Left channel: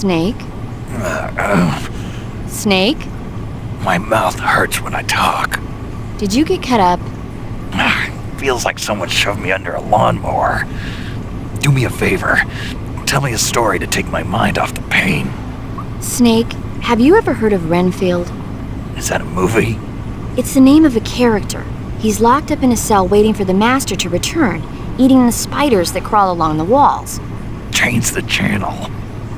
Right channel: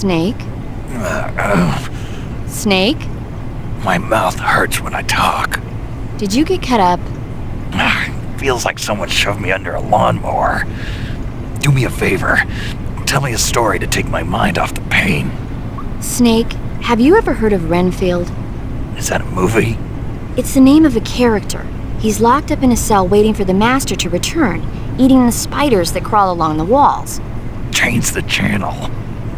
Snake? Snake? My mouth hurts when I talk. Did you get cut up? Feels like someone shoved me under a lawnmower. Do me a favor. Tell me a story to take my mind off the pain. Snake, have you ever heard of Renfield? Is that a movie? It's the name of a character. He's locked up in a cell waiting for the master to return, eating the spiders that crawl along the walls. Change the channel.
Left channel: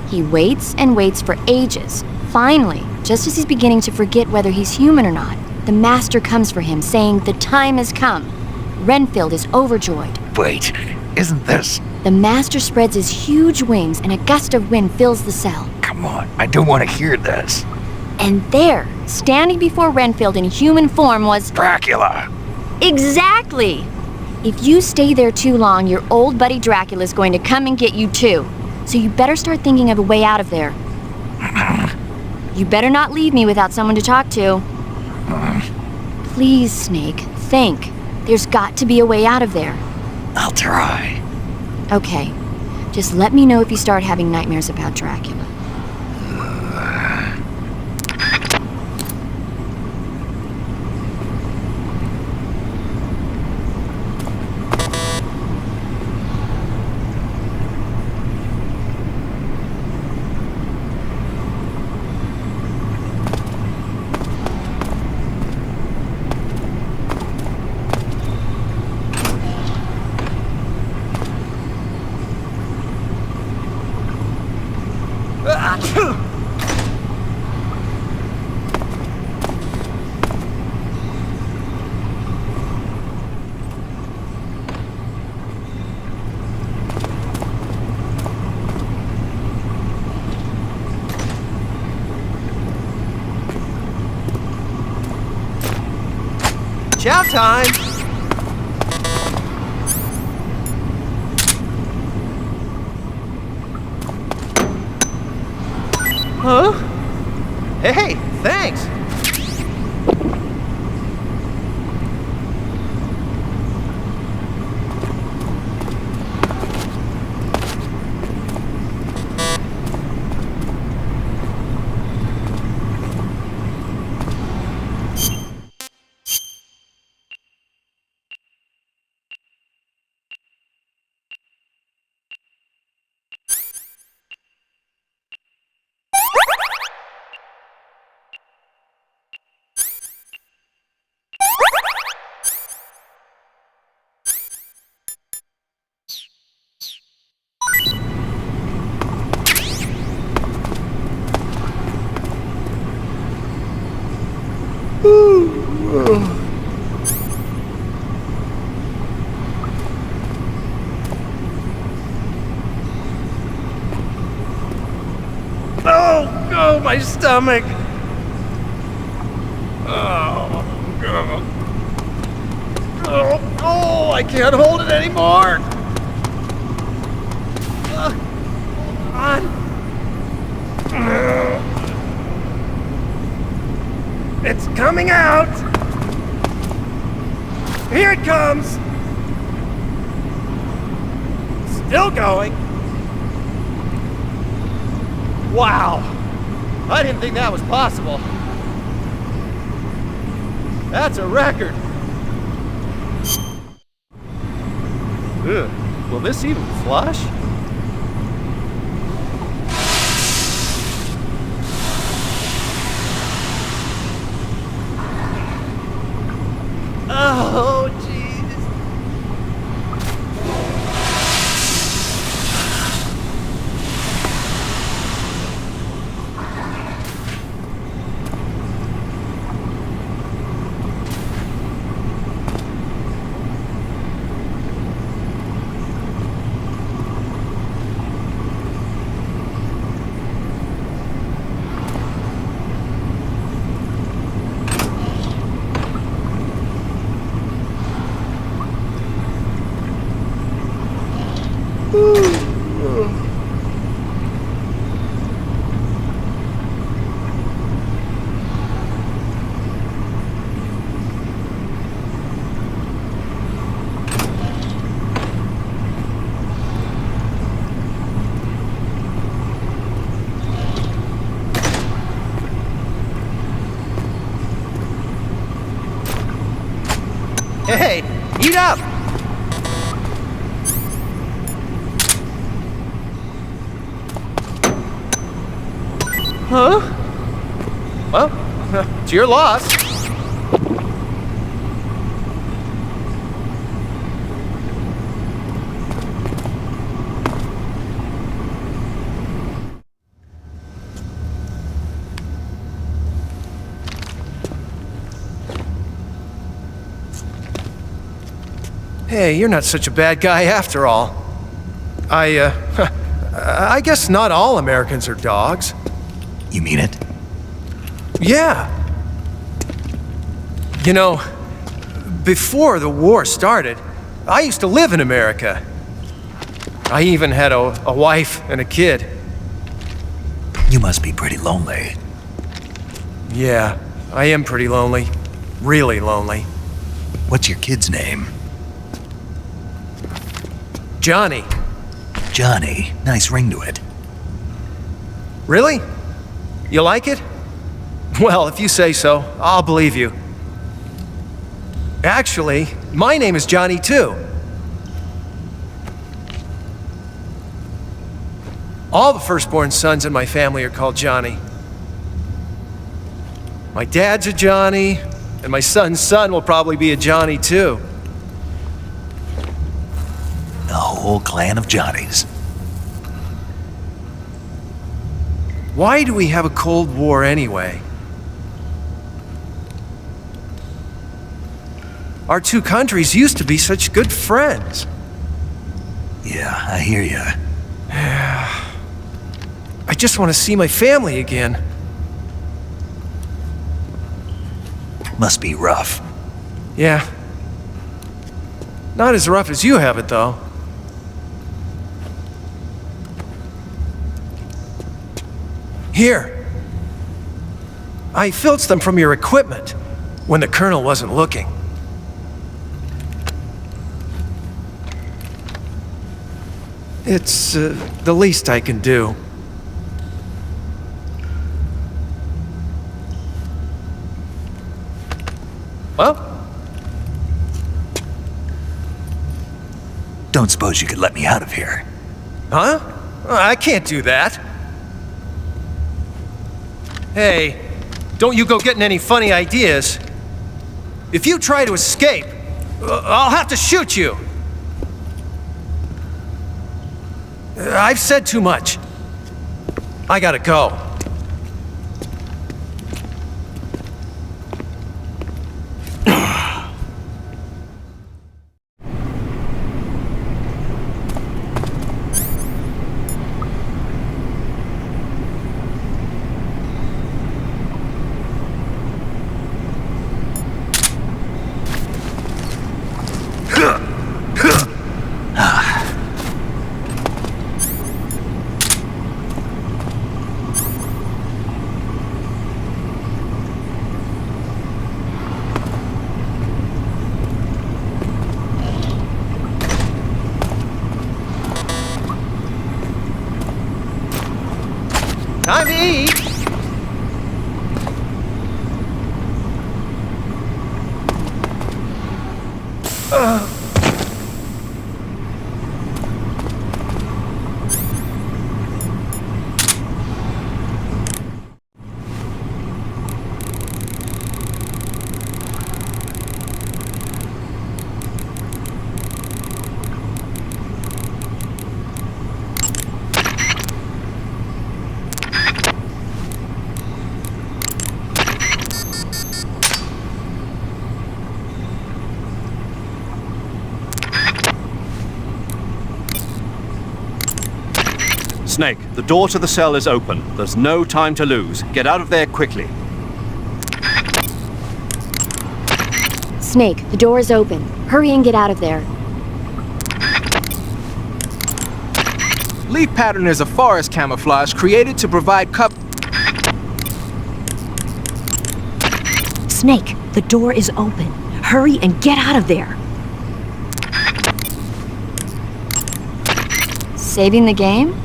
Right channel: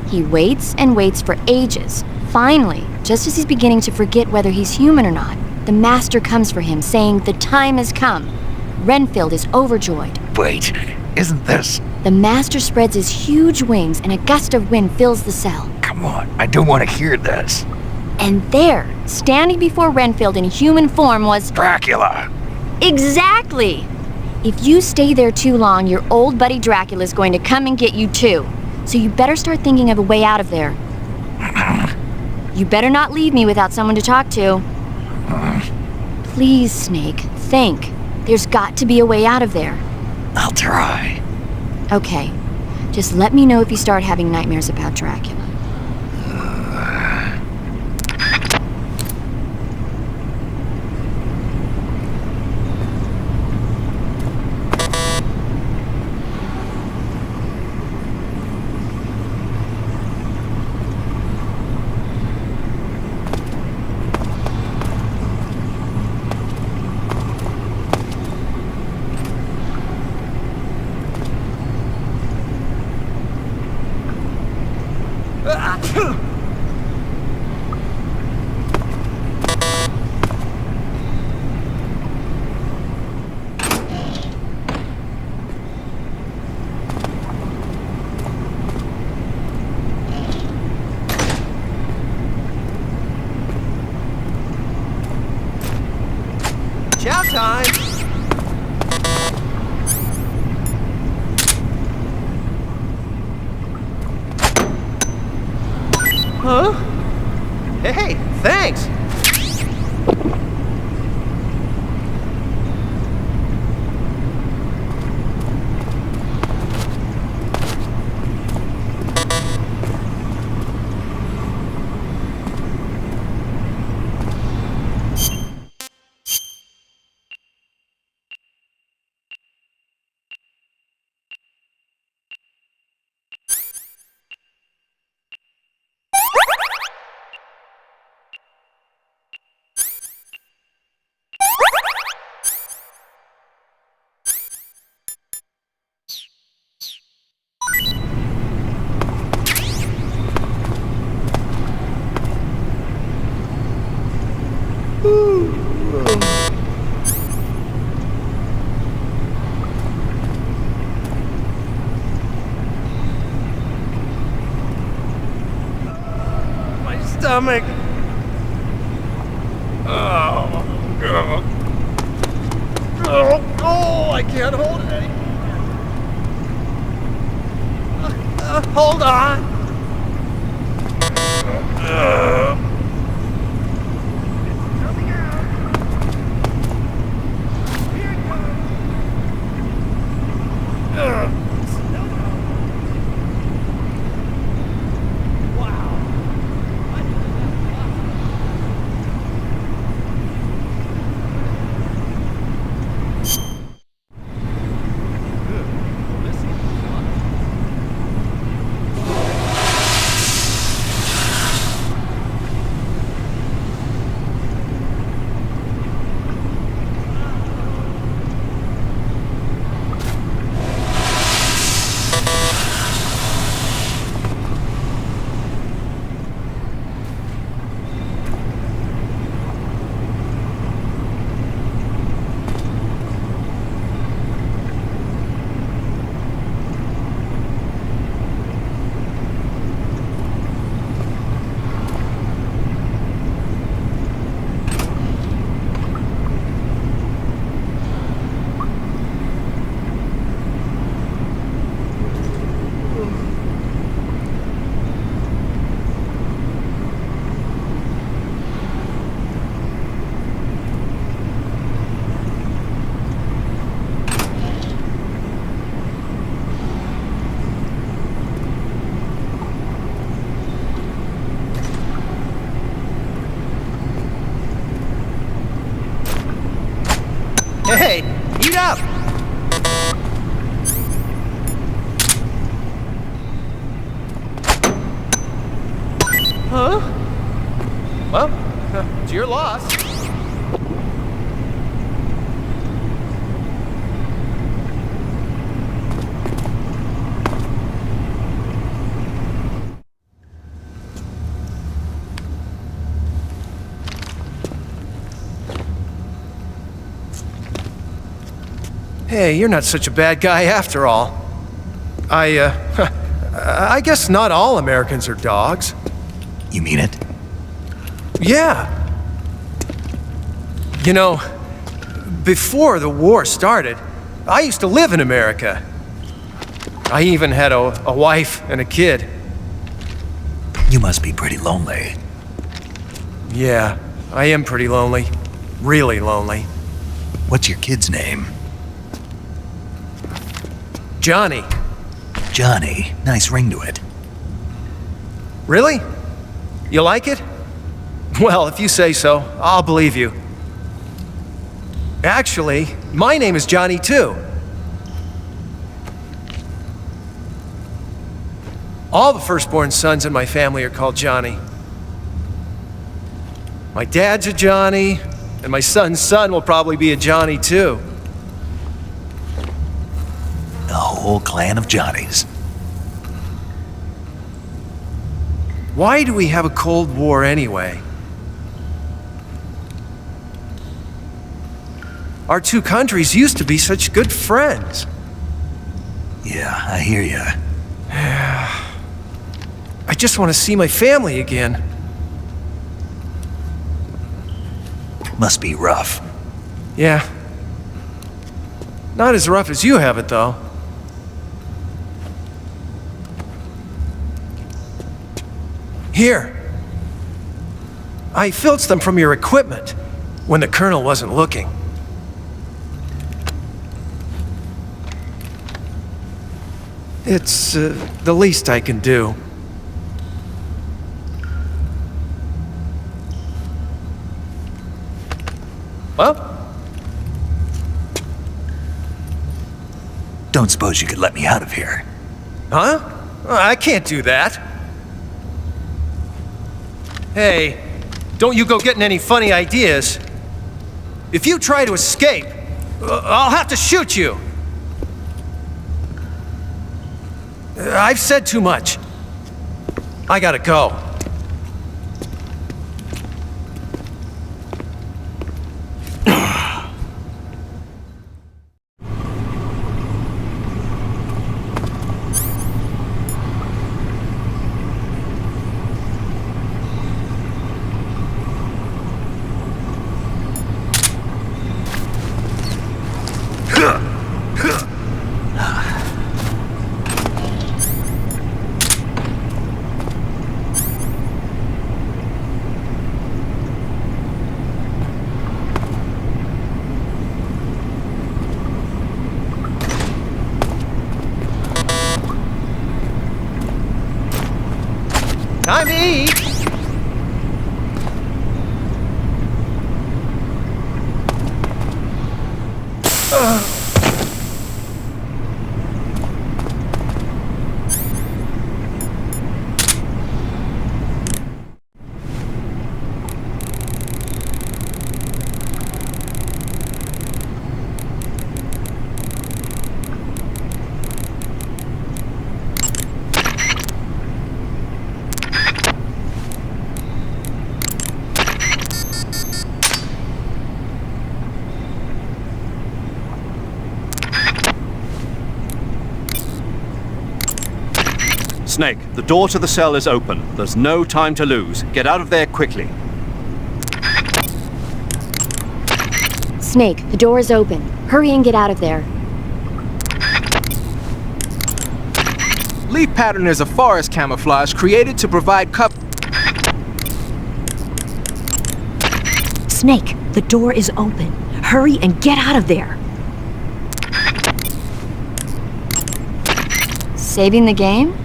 He waits and waits for ages. Finally, just as he's beginning to forget whether he's human or not, the master comes for him, saying the time has come. Renfield is overjoyed. Wait, isn't this... The master spreads his huge wings and a gust of wind fills the cell. Come on, I don't want to hear this. And there, standing before Renfield in human form was... Dracula! Exactly! If you stay there too long, your old buddy Dracula's going to come and get you too. So you better start thinking of a way out of there. You better not leave me without someone to talk to. Please, Snake, think. There's got to be a way out of there. I'll try. Okay. Just let me know if you start having nightmares about Dracula. Chow time! Huh? Hey, thanks! Oh, my stomach! Oh, God. Oh, I can't hold it anymore! Hold on! It's coming out! Here it comes! Still going. Wow! I didn't think that was possible. That's a record. Will this even flush? Oh, jeez. Hey, eat up! Huh? Well, it's your loss. Hey, you're not such a bad guy after all. I guess not all Americans are dogs. You mean it? Yeah. You know, before the war started, I used to live in America. I even had a wife and a kid. You must be pretty lonely. Yeah, I am pretty lonely. Really lonely. What's your kid's name? Johnny. Johnny. Nice ring to it. Really? You like it? Well, if you say so, I'll believe you. Actually, my name is Johnny too. All the firstborn sons in my family are called Johnny. My dad's a Johnny, and my son's son will probably be a Johnny too. A whole clan of Johnnies. Why do we have a Cold War anyway? Our two countries used to be such good friends. Yeah, I hear ya. I just want to see my family again. Must be rough. Yeah. Not as rough as you have it, though. Here. I filched them from your equipment when the Colonel wasn't looking. It's the least I can do. Well? Don't suppose you could let me out of here? Huh? I can't do that. Hey, don't you go getting any funny ideas. If you try to escape, I'll have to shoot you. I've said too much. I gotta go. Time to eat! Snake, the door to the cell is open. There's no time to lose. Get out of there quickly. Snake, the door is open. Hurry and get out of there. Leaf pattern is a forest camouflage created to provide cover. Snake, the door is open. Hurry and get out of there. Saving the game?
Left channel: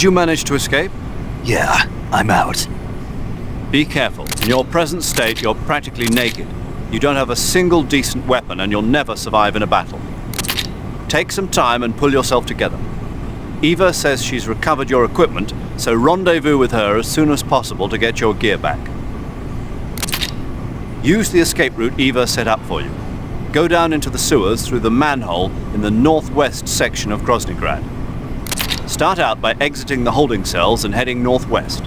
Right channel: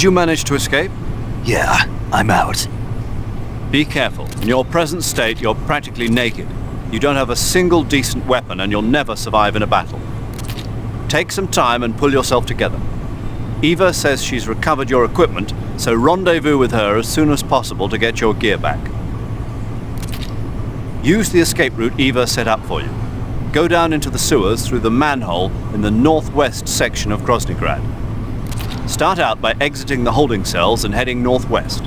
Did you manage to escape? Yeah, I'm out. Be careful. In your present state, you're practically naked. You don't have a single decent weapon, and you'll never survive in a battle. Take some time and pull yourself together. Eva says she's recovered your equipment, so rendezvous with her as soon as possible to get your gear back. Use the escape route Eva set up for you. Go down into the sewers through the manhole in the northwest section of Groznygrad. Start out by exiting the holding cells and heading northwest.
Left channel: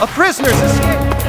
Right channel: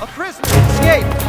A prisoner's escaped!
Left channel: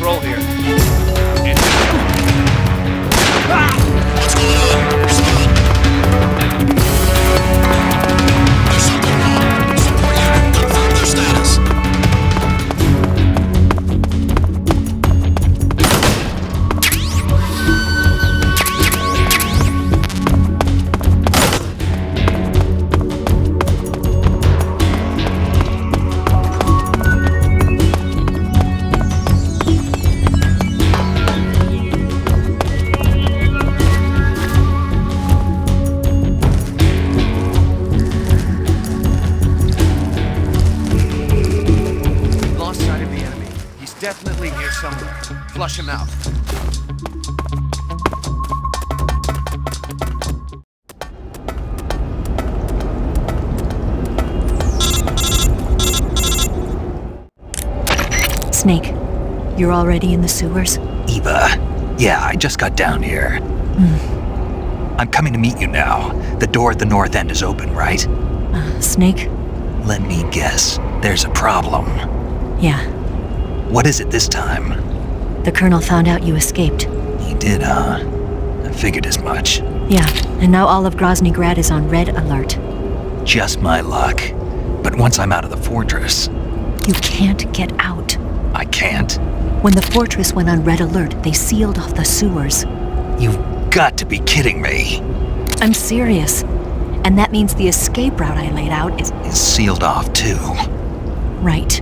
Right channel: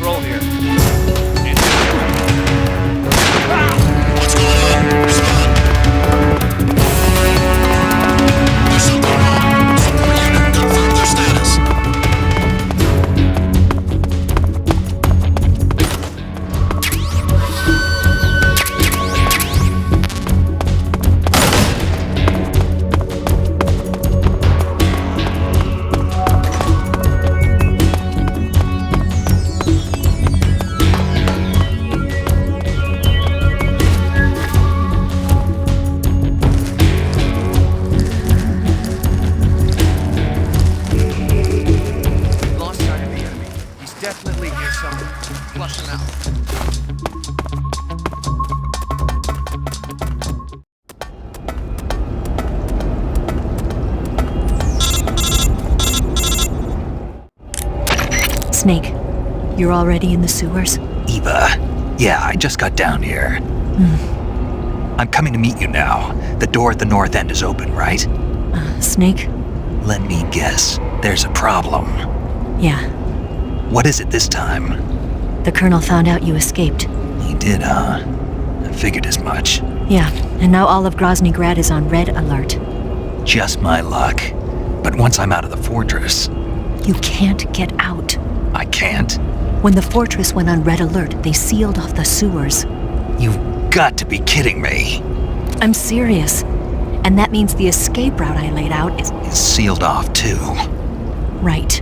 patrol here. What's going on? Respond. There's something wrong. Support unit, confirm their status. Snake, you're already in the sewers? Eva. Yeah, I just got down here. I'm coming to meet you now. The door at the north end is open, right? Snake? Let me guess. There's a problem. Yeah. What is it this time? The Colonel found out you escaped. He did, huh? I figured as much. Yeah, and now all of Grozny Grad is on red alert. Just my luck. But once I'm out of the fortress... You can't get out. I can't? When the fortress went on red alert, they sealed off the sewers. You've got to be kidding me. I'm serious. And that means the escape route I laid out is Sealed off, too. right.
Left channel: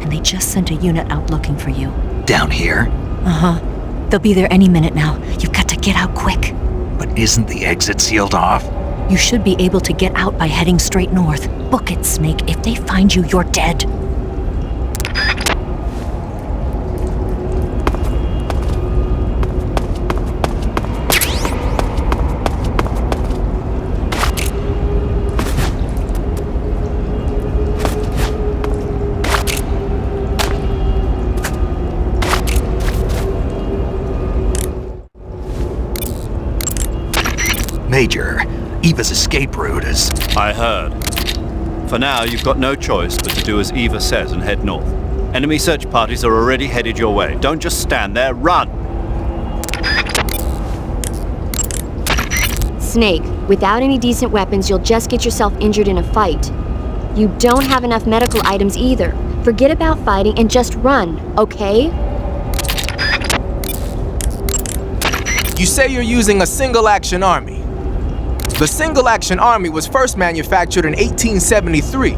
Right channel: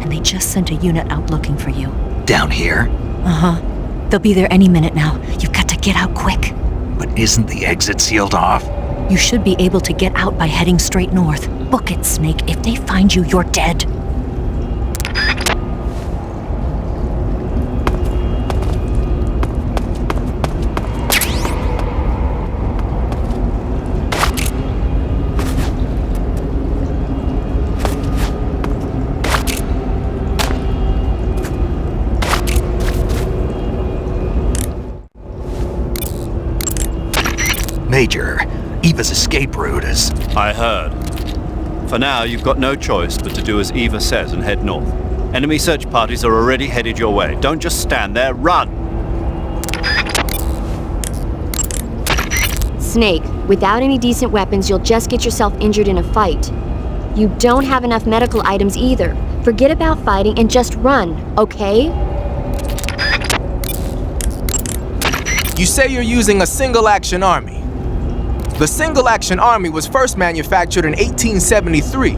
And they just sent a unit out looking for you. Down here? Uh-huh. They'll be there any minute now. You've got to get out quick. But isn't the exit sealed off? You should be able to get out by heading straight north. Book it, Snake. If they find you, you're dead. Major, Eva's escape route is... I heard. For now, you've got no choice but to do as Eva says and head north. Enemy search parties are already headed your way. Don't just stand there, run! Snake, without any decent weapons, you'll just get yourself injured in a fight. You don't have enough medical items either. Forget about fighting and just run, okay? You say you're using a single-action army. The single-action army was first manufactured in 1873.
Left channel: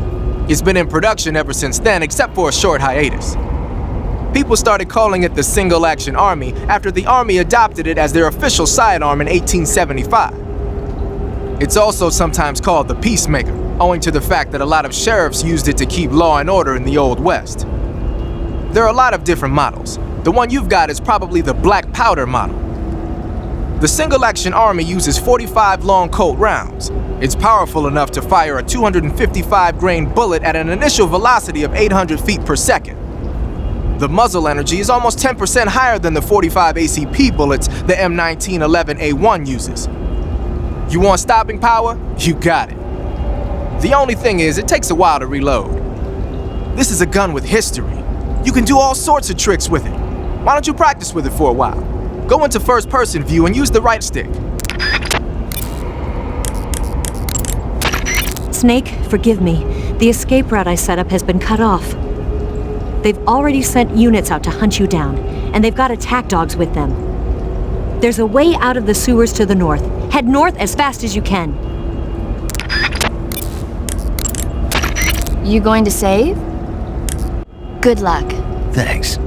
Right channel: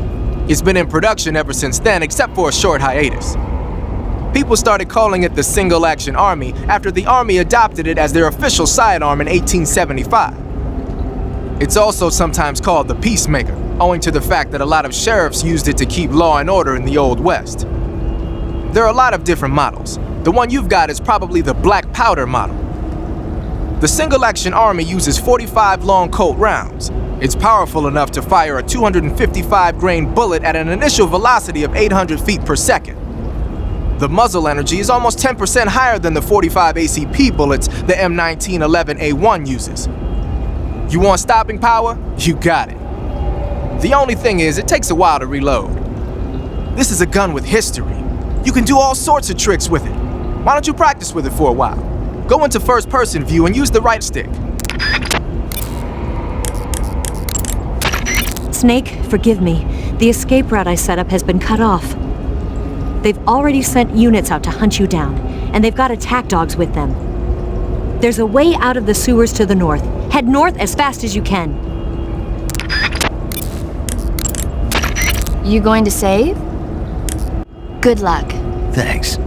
It's been in production ever since then, except for a short hiatus. People started calling it the single-action army after the army adopted it as their official sidearm in 1875. It's also sometimes called the Peacemaker, owing to the fact that a lot of sheriffs used it to keep law and order in the Old West. There are a lot of different models. The one you've got is probably the Black Powder model. The single-action army uses 45 long Colt rounds. It's powerful enough to fire a 255-grain bullet at an initial velocity of 800 feet per second. The muzzle energy is almost 10% higher than the 45 ACP bullets the M1911A1 uses. You want stopping power? You got it. The only thing is, it takes a while to reload. This is a gun with history. You can do all sorts of tricks with it. Why don't you practice with it for a while? Go into first-person view and use the right stick. Snake, forgive me. The escape route I set up has been cut off. They've already sent units out to hunt you down, and they've got attack dogs with them. There's a way out of the sewers to the north. Head north as fast as you can. You going to save? Good luck. Thanks.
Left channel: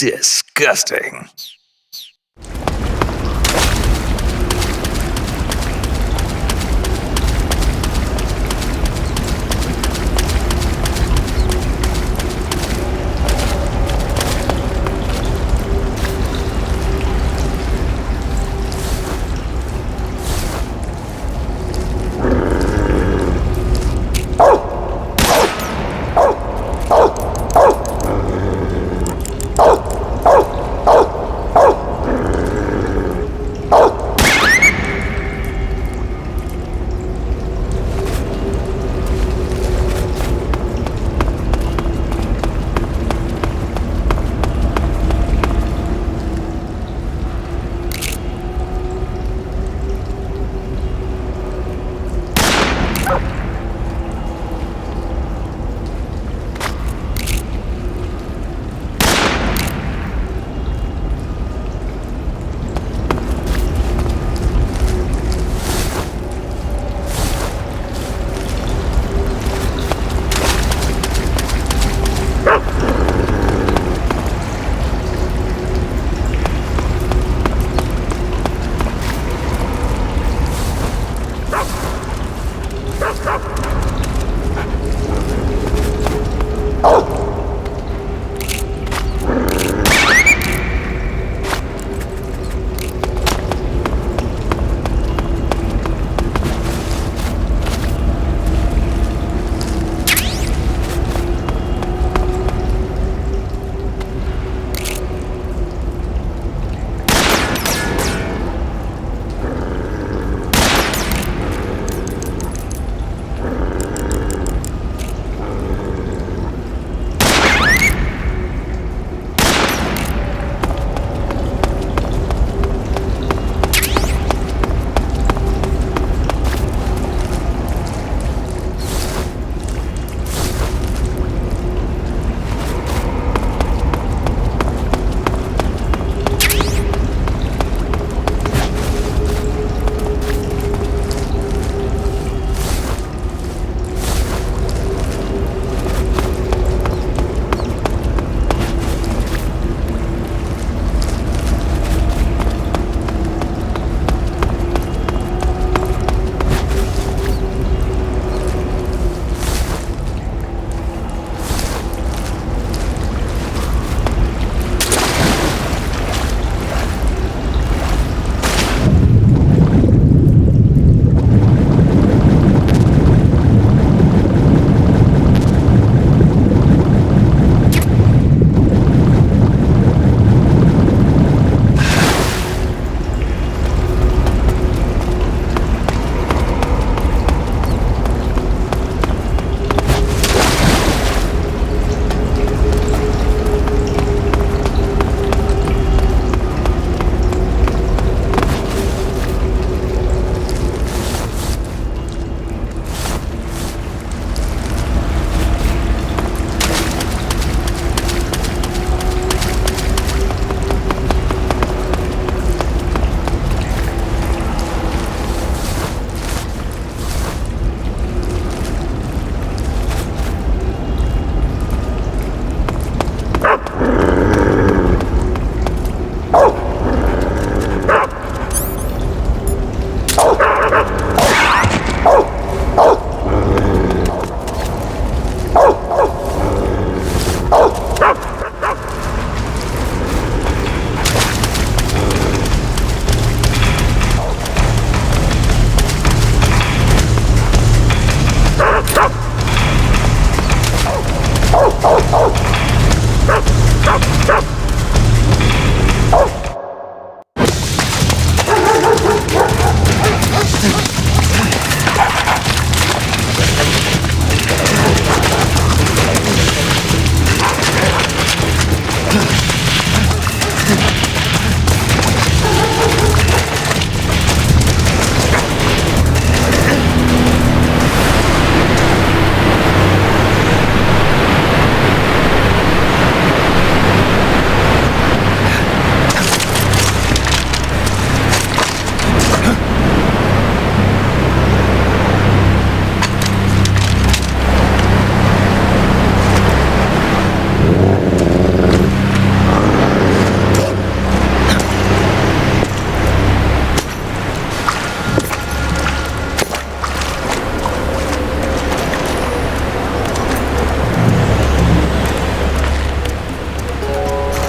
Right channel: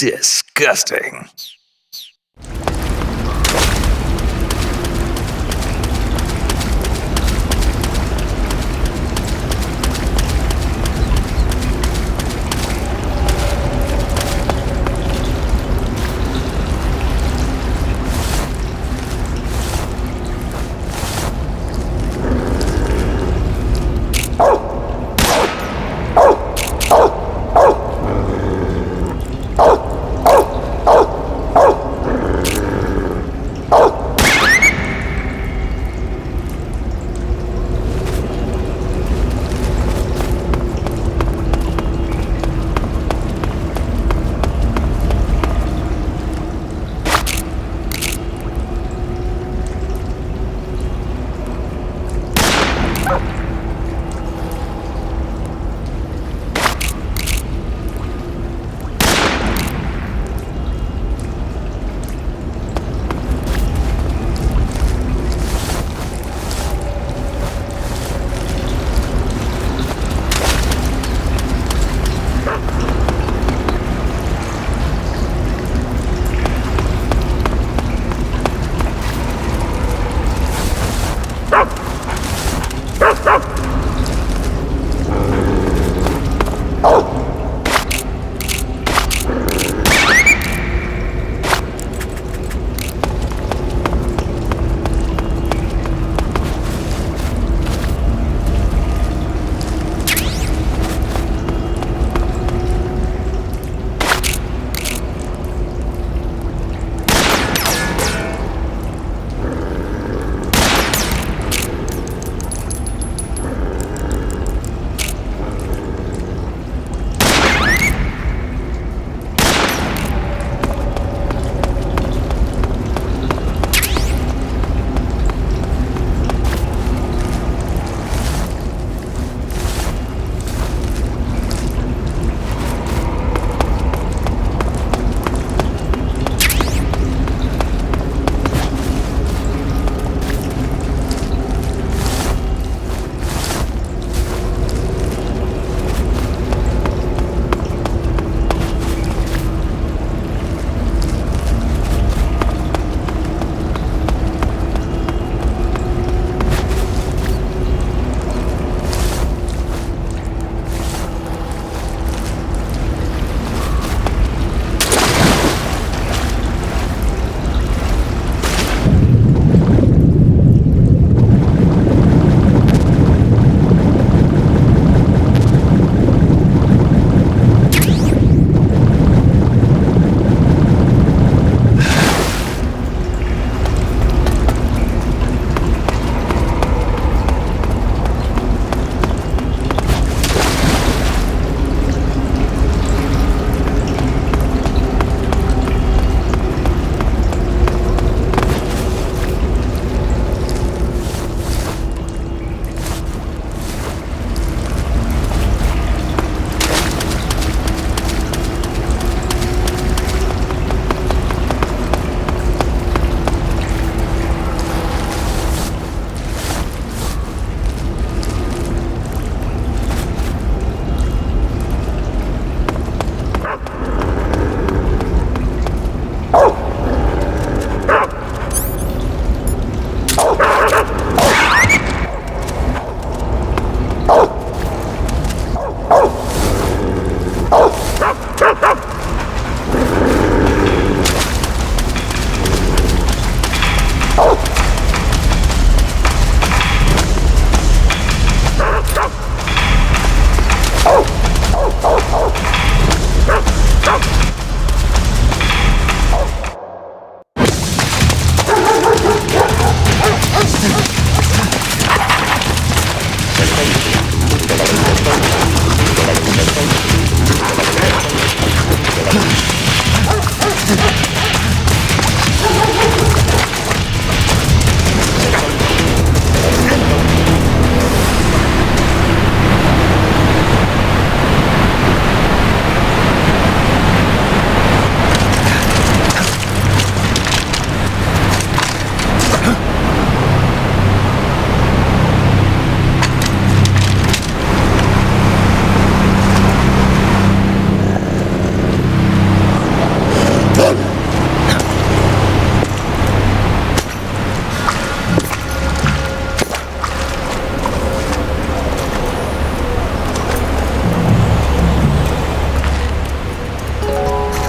Disgusting.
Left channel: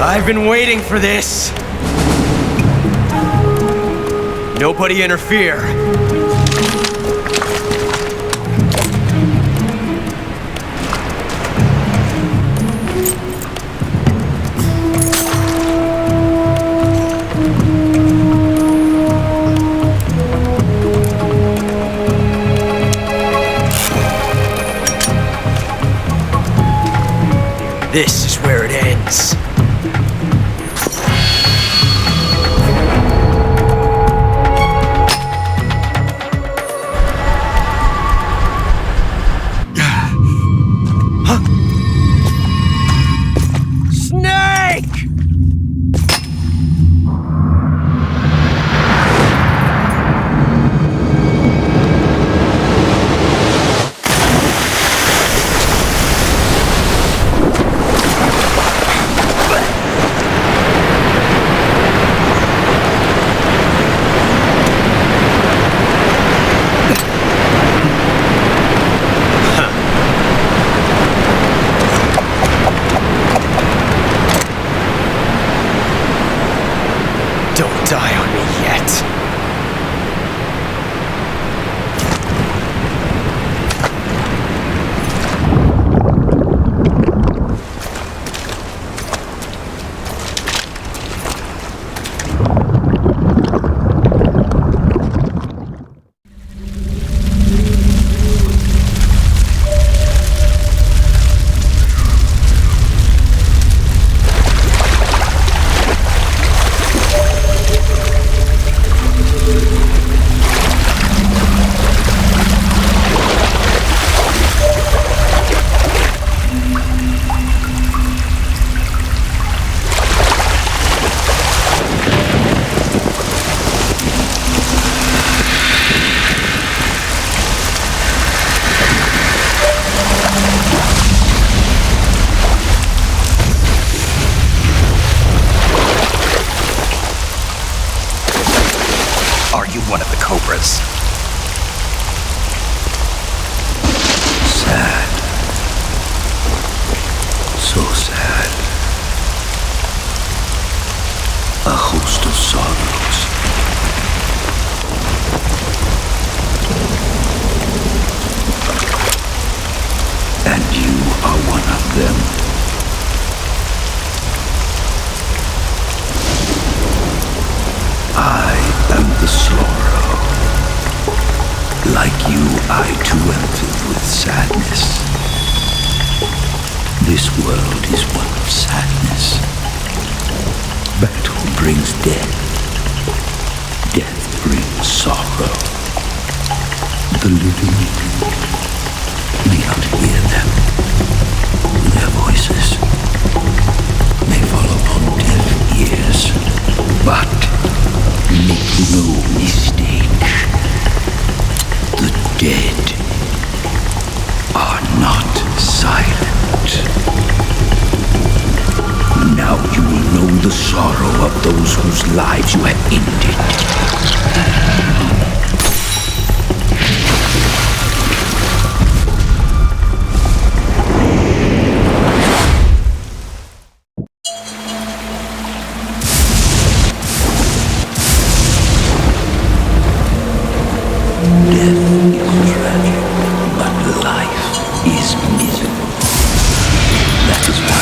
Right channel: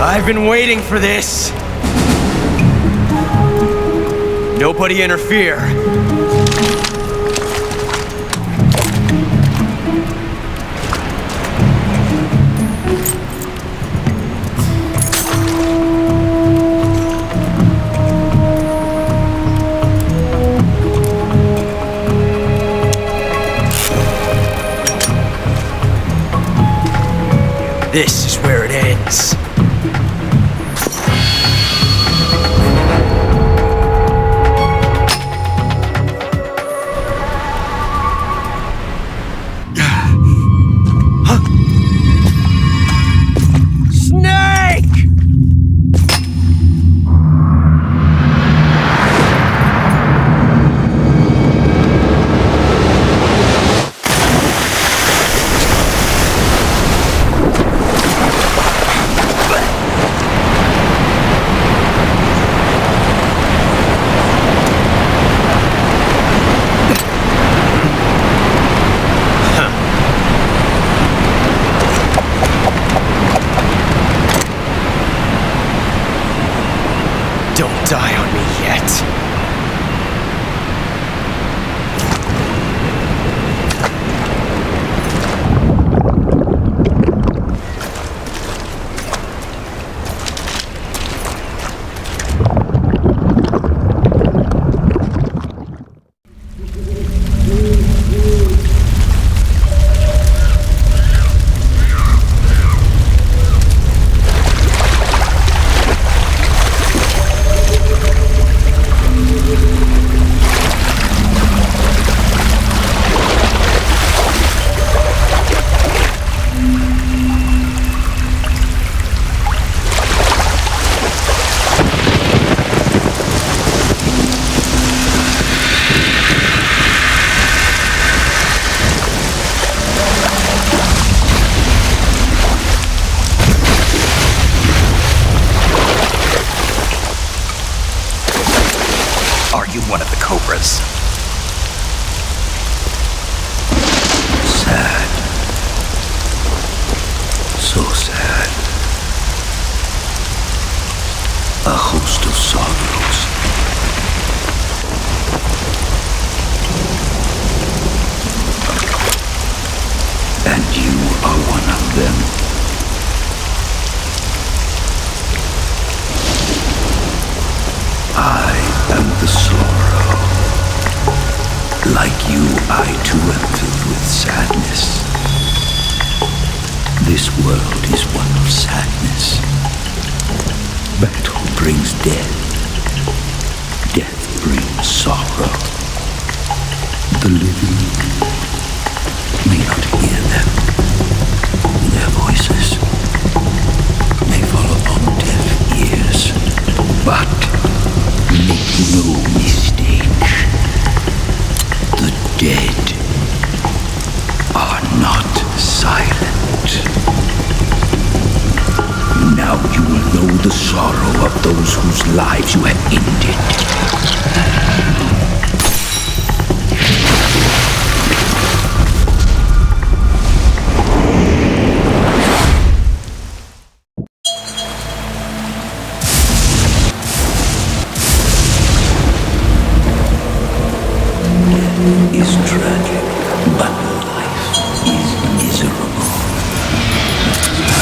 I've been waiting for this. Nobody interfere. This is where it ends. Snake! Don't die on me yet. Are you one of the Cobras? Sad. So sad. A host of sorrows. And you are one of them. I am the sorrow. Like you, I too am filled with sadness. This world is one of sadness. Battle brings death. Death brings sorrow. The living may not hear them. Their voices may fall upon deaf ears. But make no mistake, the dead are not silent. Now you will know the sorrow of those whose lives you have ended. But life is miserable. That is why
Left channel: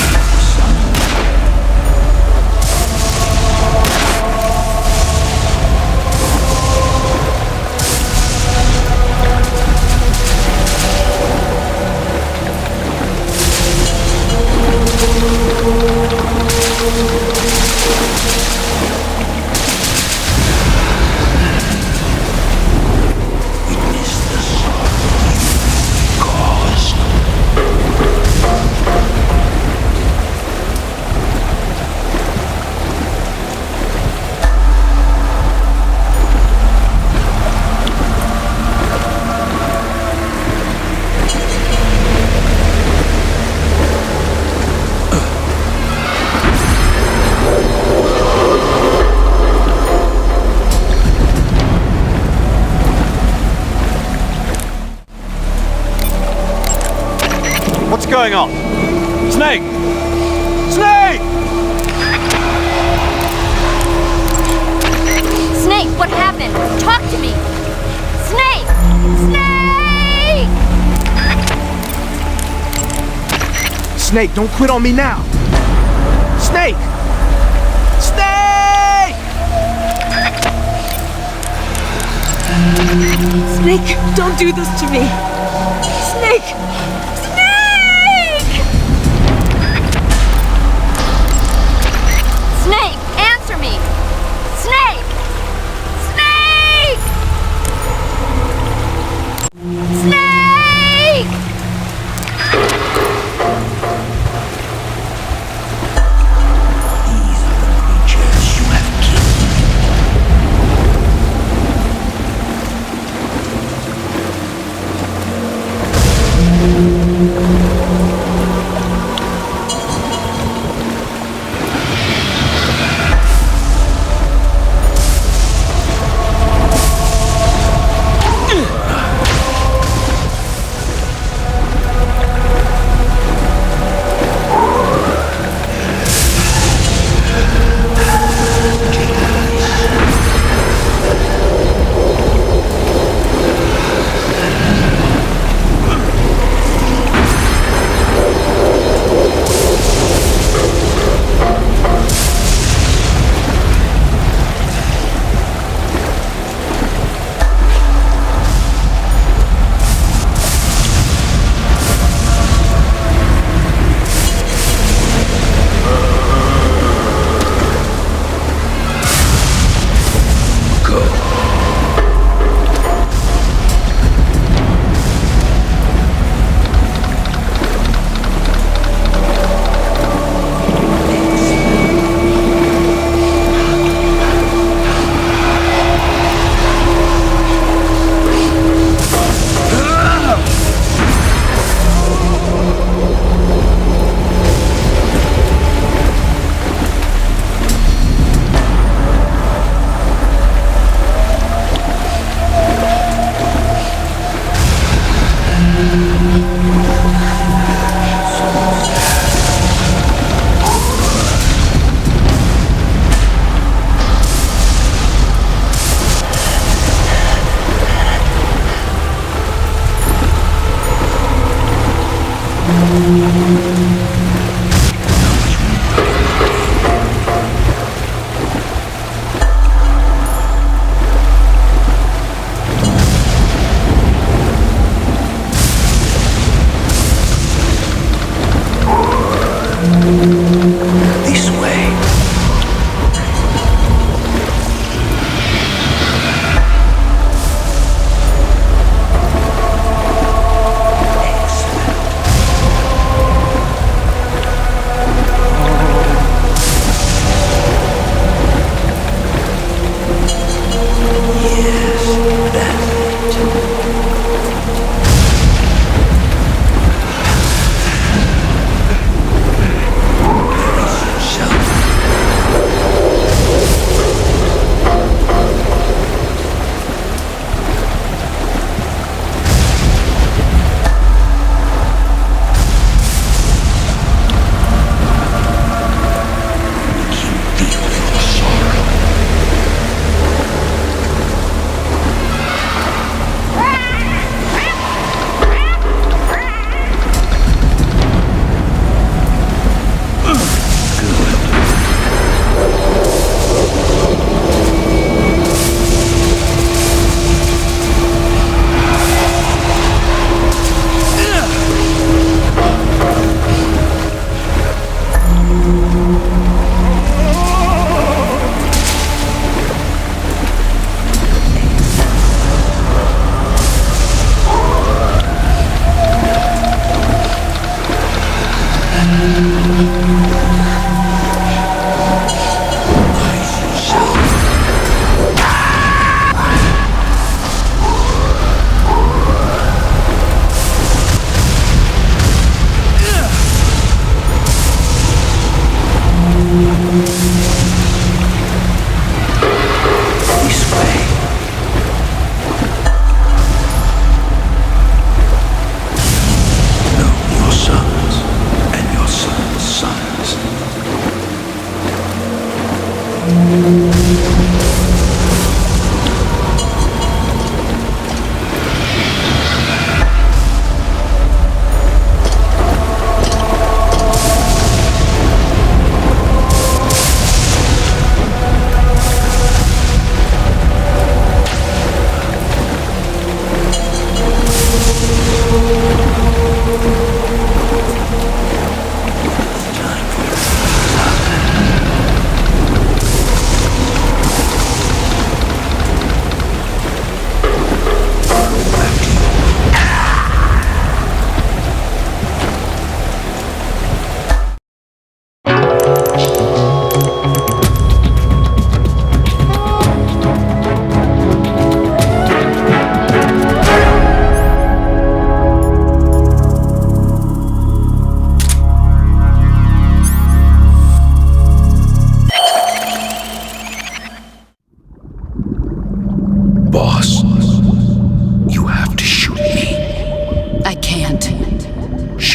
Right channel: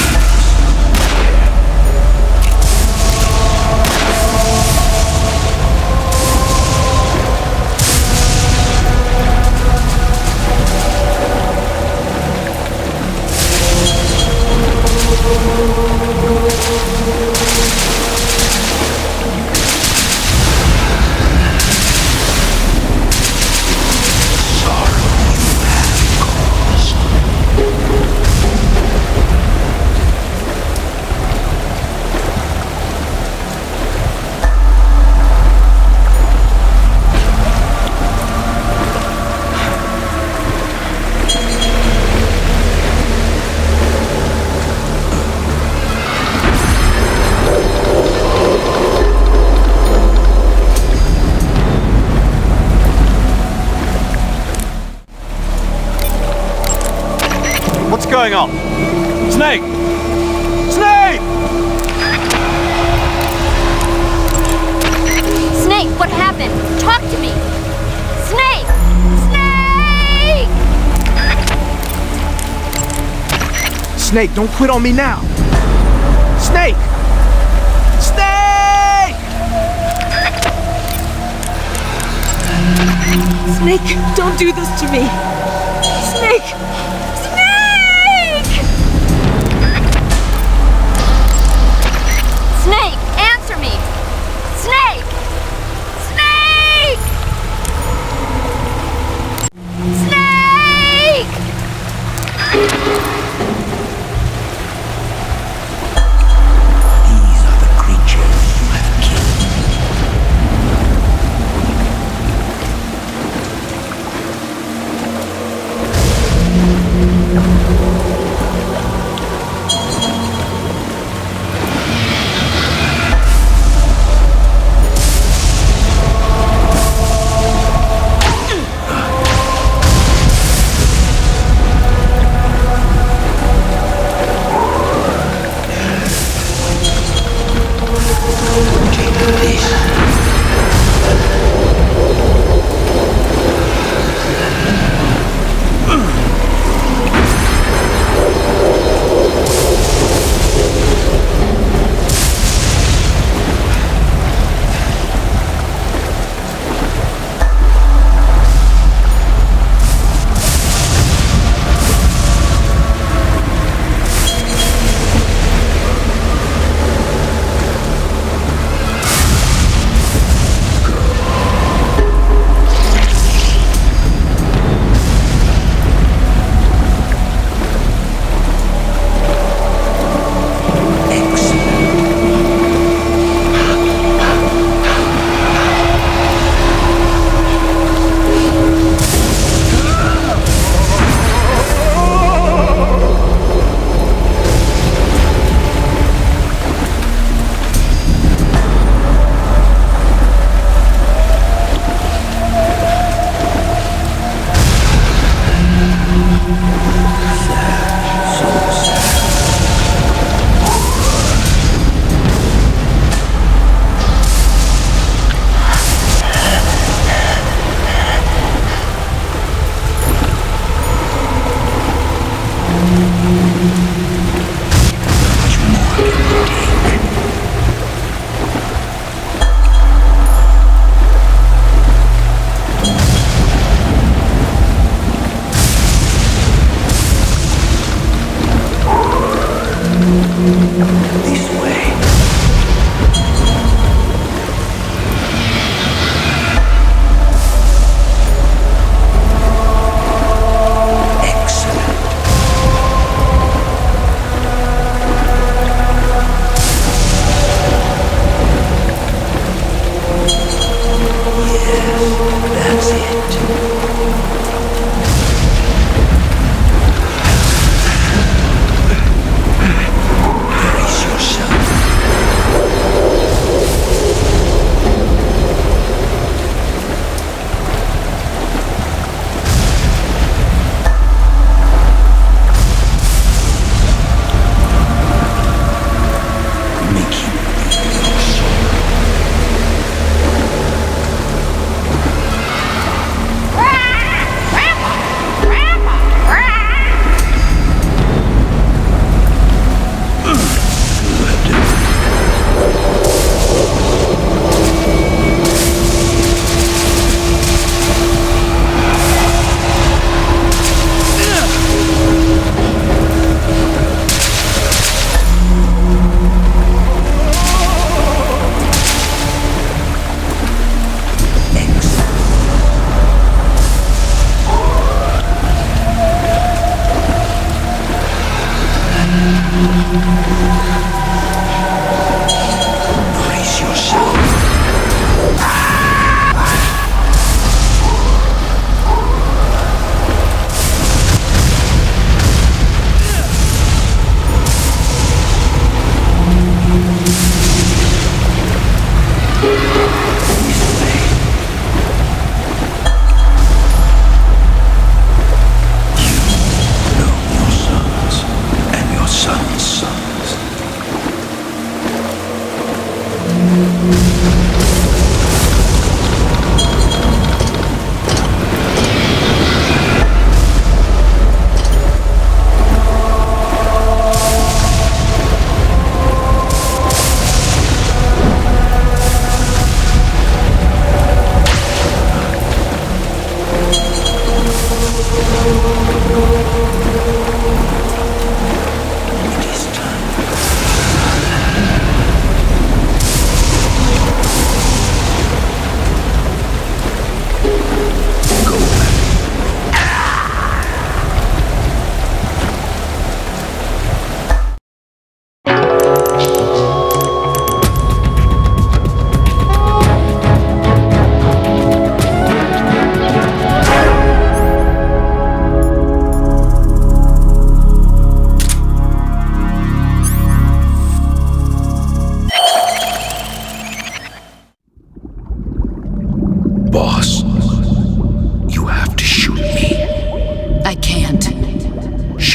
What's going on? Snake! Snake! Snake, what happened? Talk to me! Snake! Snake! Snake, don't quit on me now! Snake! Snake! Snake, don't do this to me! Snake! Snake! Snake, answer me! Snake! Snake! Snake! Creatures you have killed.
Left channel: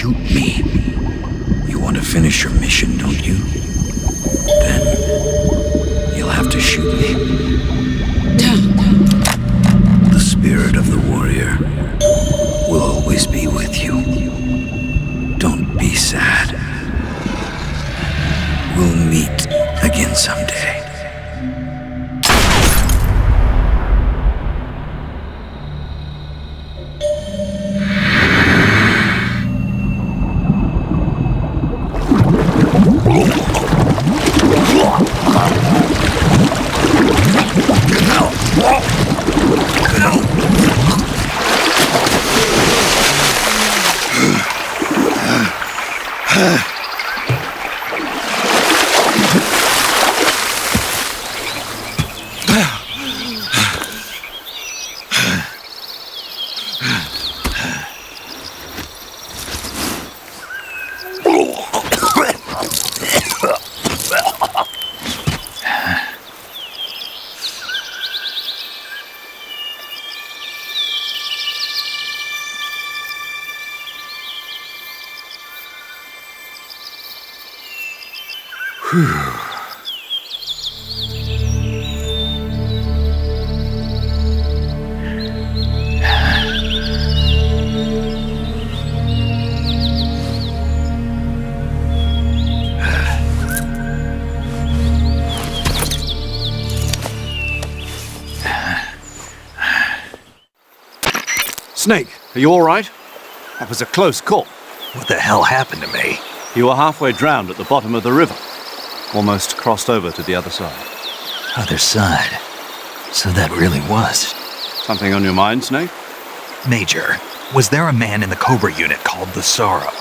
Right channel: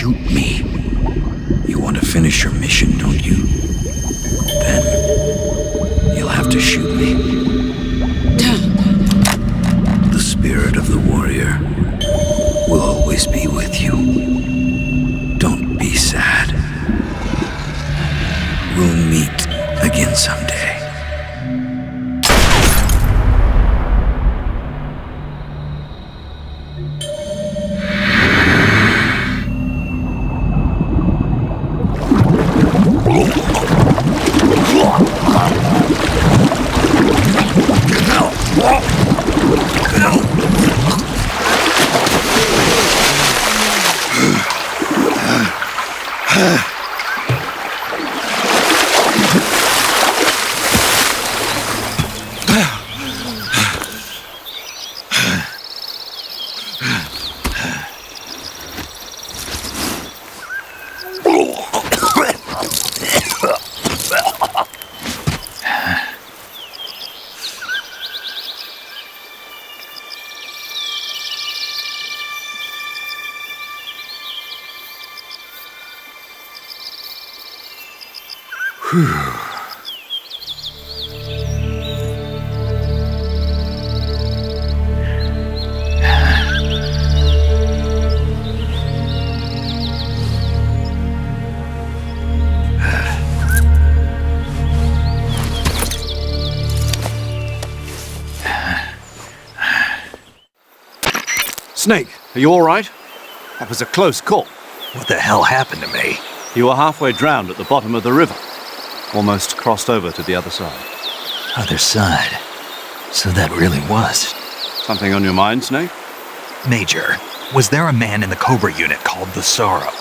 shoot me. You want to finish your mission, don't you? Then you'll have to shoot me. The spirit of the warrior will always be with you. Don't be sad. We'll meet again someday. Snake, are you all right? That was a close call. What the hell happened to me? You were halfway drowned at the bottom of the river. Almost crossed over to the other side. Other side. So that really was. Something on your mind, Snake? Major, was there a man in the Cobra unit called the Sorrow?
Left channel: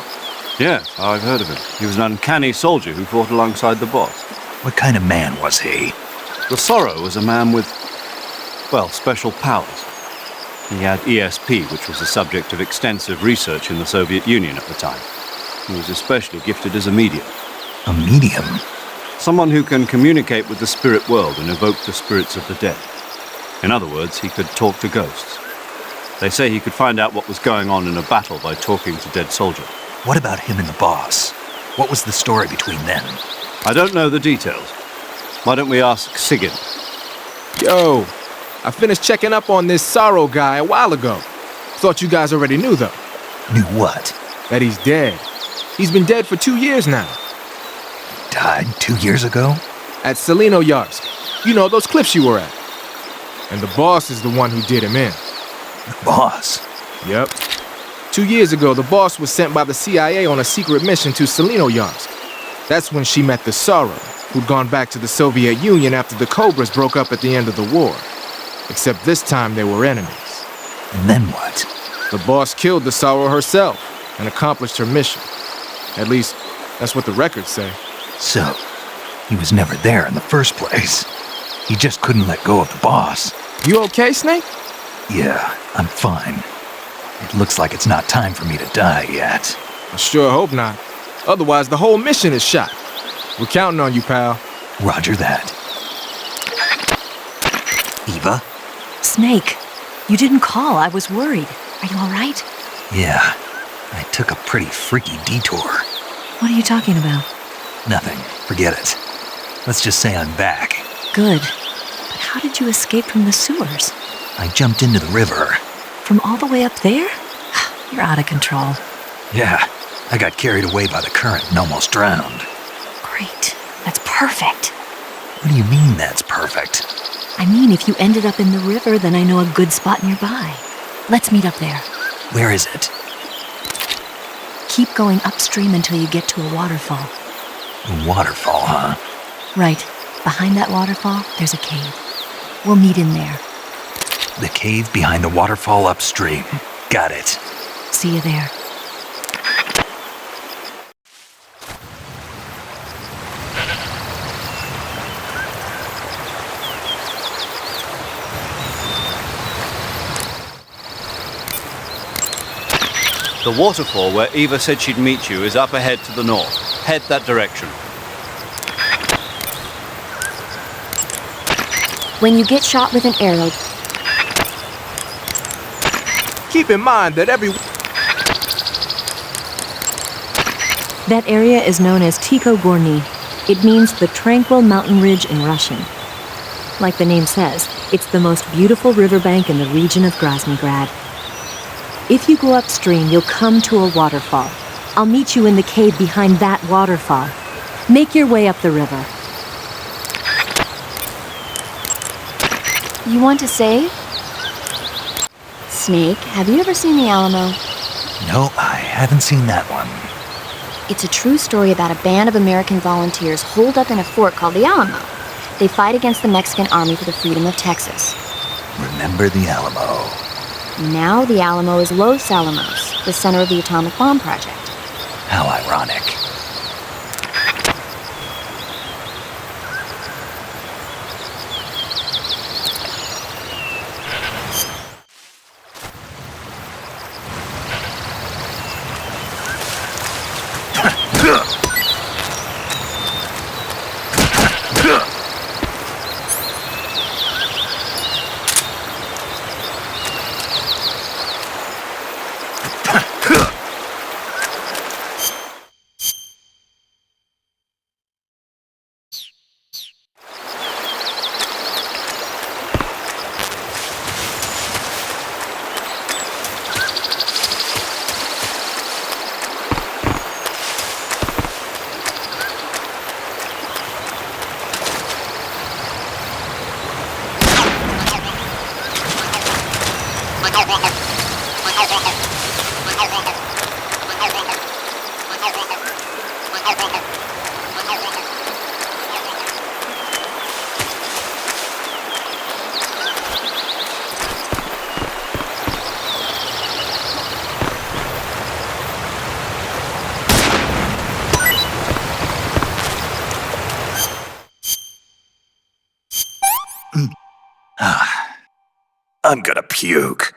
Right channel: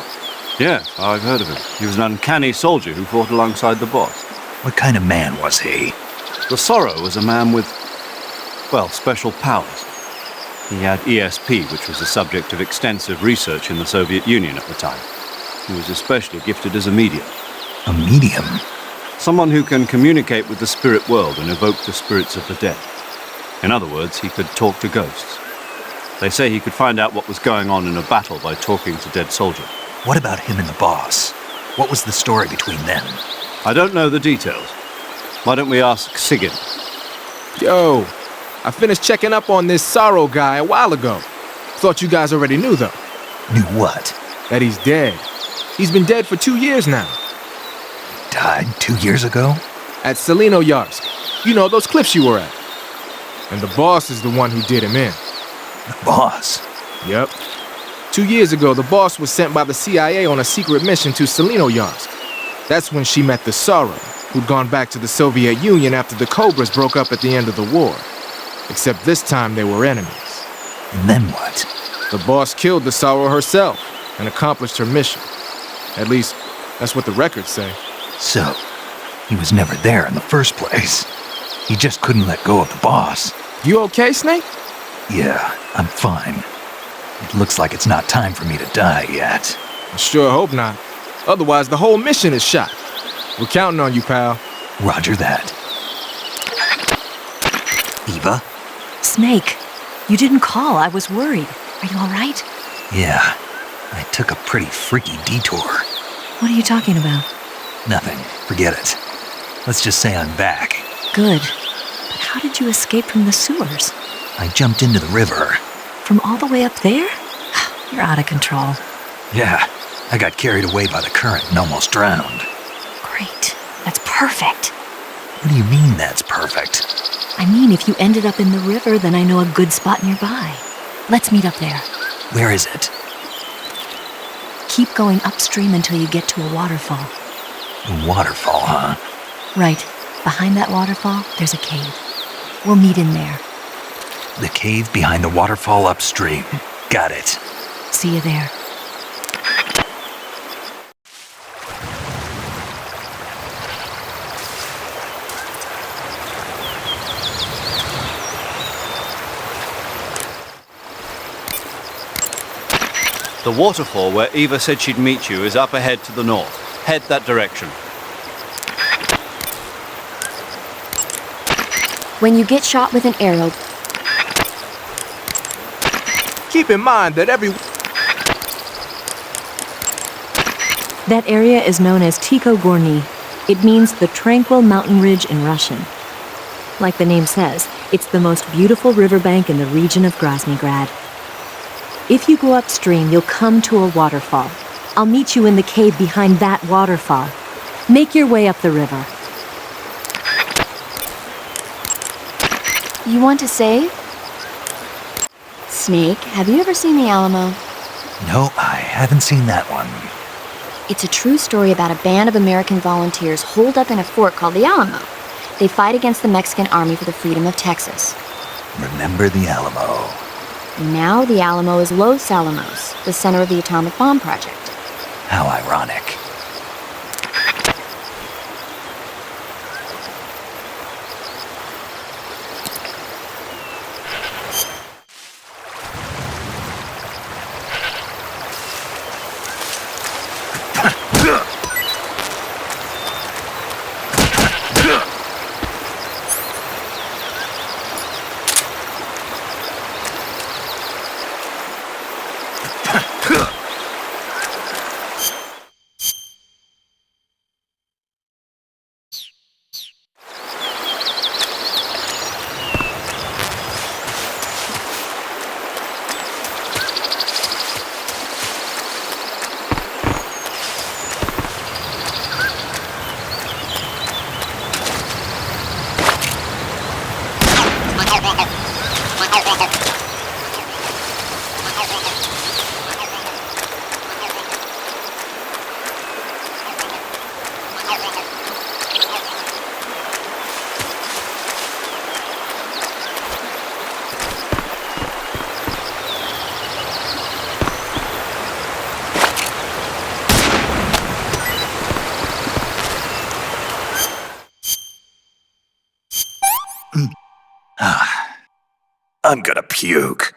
Yes, I've heard of him. He was an uncanny soldier who fought alongside the boss. What kind of man was he? The Sorrow was a man with, well, special powers. He had ESP, which was the subject of extensive research in the Soviet Union at the time. He was especially gifted as a medium. A medium? Someone who can communicate with the spirit world and evoke the spirits of the dead. In other words, he could talk to ghosts. They say he could find out what was going on in a battle by talking to dead soldiers. What about him and the boss? What was the story between them? I don't know the details. Why don't we ask Sigyn? Yo, I finished checking up on this Sorrow guy a while ago. Thought you guys already knew, though. Knew what? That he's dead. He's been dead for 2 years now. Died 2 years ago? At Selino-Yarsk. You know, those cliffs you were at. And the boss is the one who did him in. The boss? Yep. 2 years ago, the boss was sent by the CIA on a secret mission to Selino-Yarsk. That's when she met the Sorrow, who'd gone back to the Soviet Union after the Cobras broke up at the end of the war. Except this time they were enemies. And then what? The boss killed the Sorrow herself and accomplished her mission. At least, that's what the records say. So, he was never there in the first place. He just couldn't let go of the boss. You okay, Snake? Yeah, I'm fine. It looks like it's not time for me to die yet. I sure hope not. Otherwise, the whole mission is shot. We're counting on you, pal. Roger that. Eva? Snake, you didn't call. I was worried. Are you all right? Yeah, I took a pretty freaky detour. What are you talking about? Nothing. Forget it. Let's just say I'm back. Good. But how did you escape from the sewers? I jumped into the river. From all the way up there? You're out of control. Yeah, I got carried away by the current and almost drowned. Great. That's perfect. What do you mean that's perfect? I mean, if you ended up in the river, then I know a good spot nearby. Let's meet up there. Where is it? Keep going upstream until you get to a waterfall. A waterfall, huh? Right. Behind that waterfall, there's a cave. We'll meet in there. The cave behind the waterfall upstream. Got it. See you there. The waterfall where Eva said she'd meet you is up ahead to the north. Head that direction. When you get shot with an arrow, Keep in mind that every... That area is known as Ticho Gorny. It means the tranquil mountain ridge in Russian. Like the name says, it's the most beautiful riverbank in the region of Groznygrad. If you go upstream, you'll come to a waterfall. I'll meet you in the cave behind that waterfall. Make your way up the river. You want to save? Snake, have you ever seen the Alamo? No, I haven't seen that one. It's a true story about a band of American volunteers holed up in a fort called the Alamo. They fight against the Mexican army for the freedom of Texas. Remember the Alamo. Now the Alamo is Los Alamos, the center of the atomic bomb project. How ironic. I'm gonna puke.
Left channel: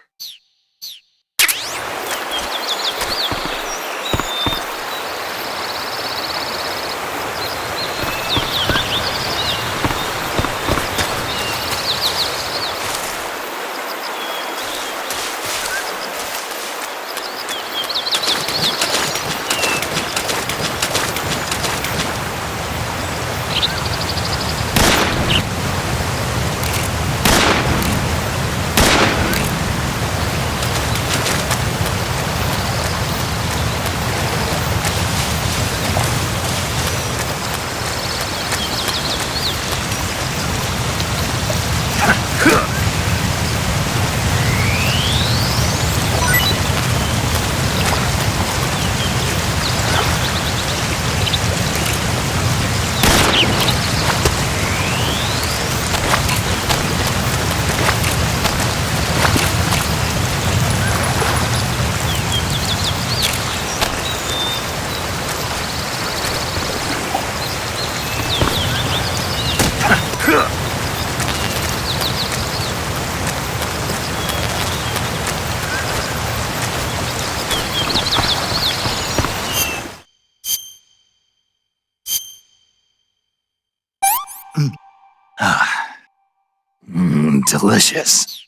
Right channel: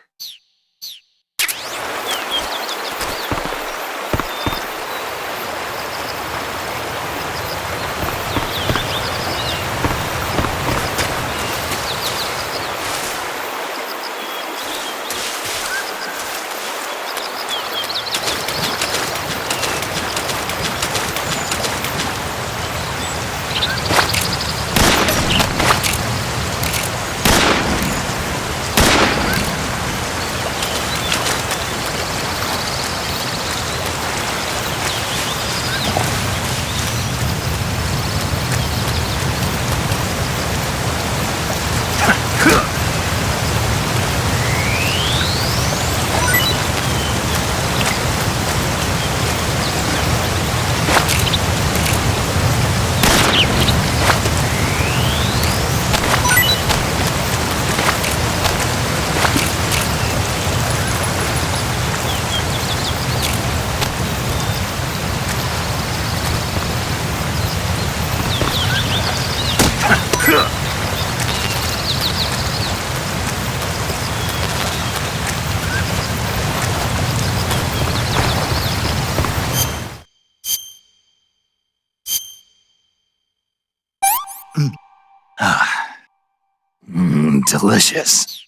Delicious.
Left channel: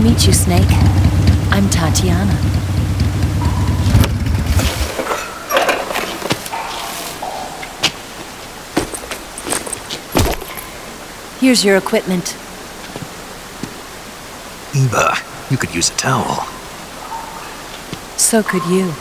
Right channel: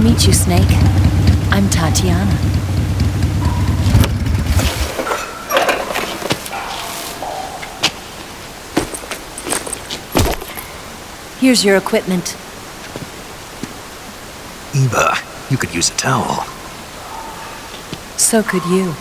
to meet you, Snake. I'm Tatiana. Here's your equipment. Eva, you could use a towel. So could you.